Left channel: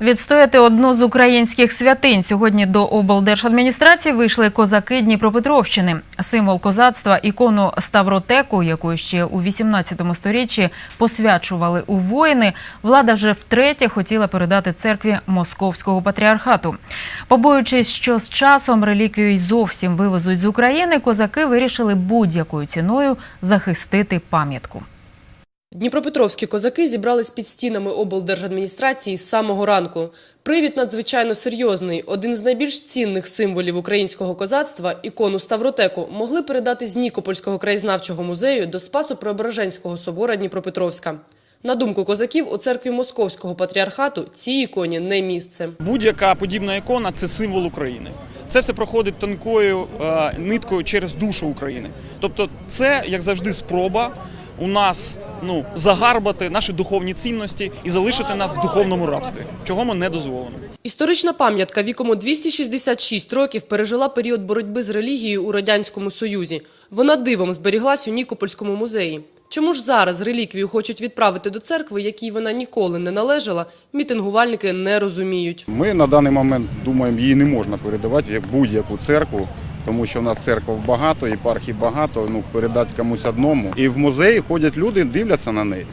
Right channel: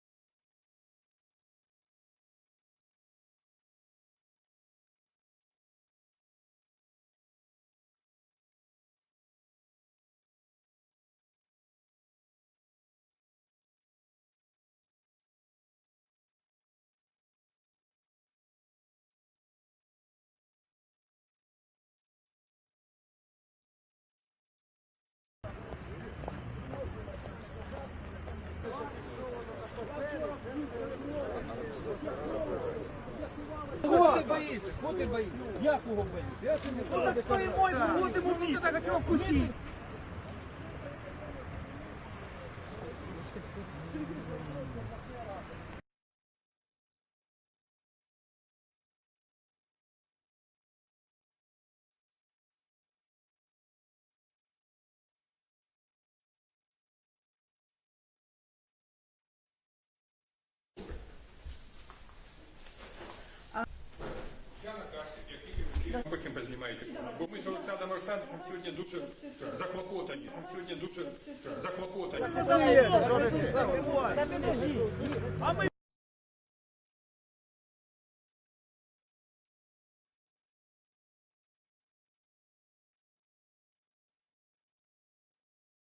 Відстояти одну з українських святинь сьогодні до облдержадміністрації вийшли козаки Дніпропетровщини. Символ козацтва, ікону Ставротеку, яку ще у 18 сторіччі посвячували у воїни, влада вже втретє хотіла передати церкві Московського патріархату. Побоюючись, що з часом реліквію й зовсім вивезуть з України, козаки вирішили будь-якою ціною захистити пам'ятку. Дніпропетровські козаки зібрались під стінами облдержадміністрації з самого ранку. Привід надзвичайно серйозний. Один з найбільш цінних символів українського козацтва – ікону Ставротеку – могли передати з Нікопольського краєзнавчого музею до Спасо-Преображенського собора Дніпропетровська. На думку козаків, у церкві Московського патріархату цій іконі не місце. Будь-яка подібна ікона це символ України. Це все проходить тонкою е, ниткою через душу України. Тобто, це як завжди спроба у нас ну загарбати наші духовні цінності і залишити нас в духовному рабстві, чого ми не дозволимо. Історична пам'ятка віком у 266 років пережила період боротьби з релігією у Радянському Союзі. Вона дивом зберіглась у Нікопольському музеї. Чому ж зараз реліквію хочуть відправити до церкви, якій вона ніколи не належала, мітингувальники не розуміють. Ми на даний момент думаємо, її не можна передавати як будь-яку церкву, тому що в нас церков багато, єпархій багато. Ну передати комусь одному. І в музеї ходять люди, дивляться на неї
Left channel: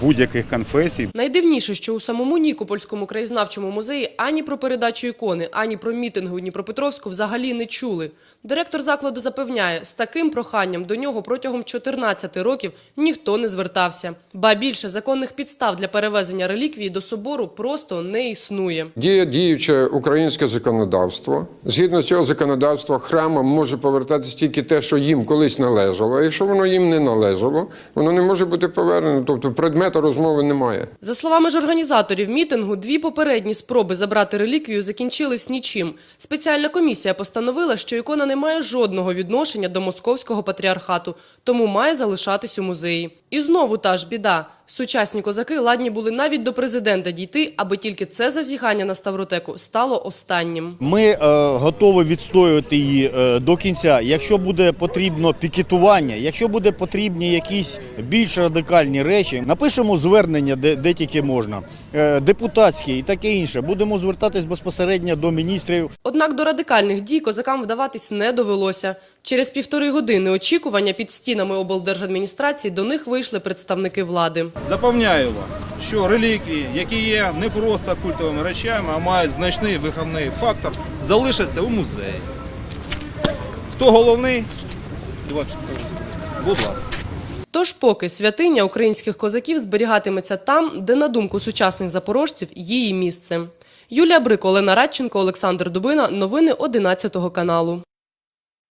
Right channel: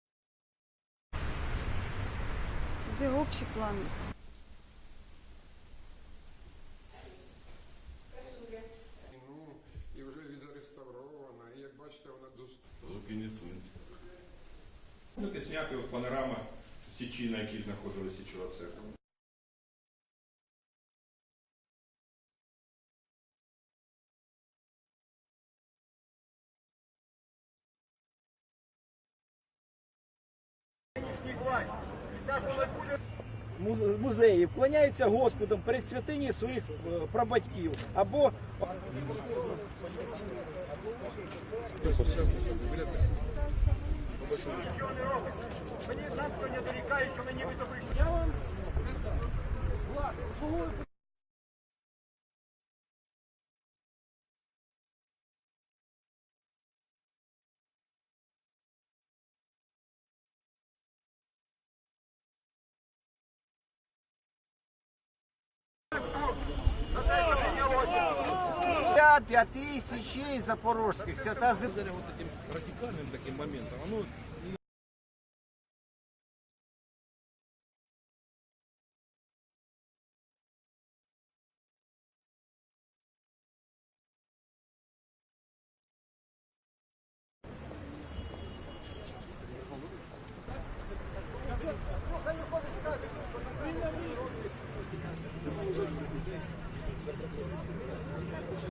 будь-яких конфесій. Найдивніше, що у самому Нікопольському краєзнавчому музеї ані про передачу ікони, ані про мітинги у Дніпропетровську взагалі не чули. Директор закладу запевняє, з таким проханням до нього протягом 14 років ніхто не звертався. Ба більше законних підстав для перевезення реліквії до собору просто не існує. Діє діюче українське законодавство. Згідно цього законодавства, храмам може повертатись тільки те, що їм колись належало. А якщо воно їм не належало, воно не може бути повернено. Тобто предмету розмови немає. За словами ж організаторів мітингу, дві попередні спроби забрати реліквію закінчились нічим. Спеціальна комісія постановила, що ікона не має жодного відношення до московського патріархату, тому має залишатись у музеї. І знову та ж біда. Сучасні козаки ладні були навіть до президента дійти, аби тільки це зазіхання на Ставротеку стало останнім. Ми е, готові відстоювати її е, до кінця. Якщо буде потрібно пікетування, якщо буде потрібні якісь більш радикальні речі, напишемо звернення, де, де тільки можна, е, депутатські і таке інше. Будемо звертатись безпосередньо до міністрів. Однак до радикальних дій козакам вдаватись не довелося. Через півтори години очікування під стінами облдержадміністрації до них вийшли представники влади. Запевняю вас, що реліквії, які є не просто культовими речами, а мають значний виховний фактор, залишаться у музеї. Хто головний? Будь ласка. Тож поки святиня українських козаків зберігатиметься там, де, на думку сучасних запорожців, її місце. Юлія Брик, Олена Радченко, Олександр Дубина. Новини 11 каналу.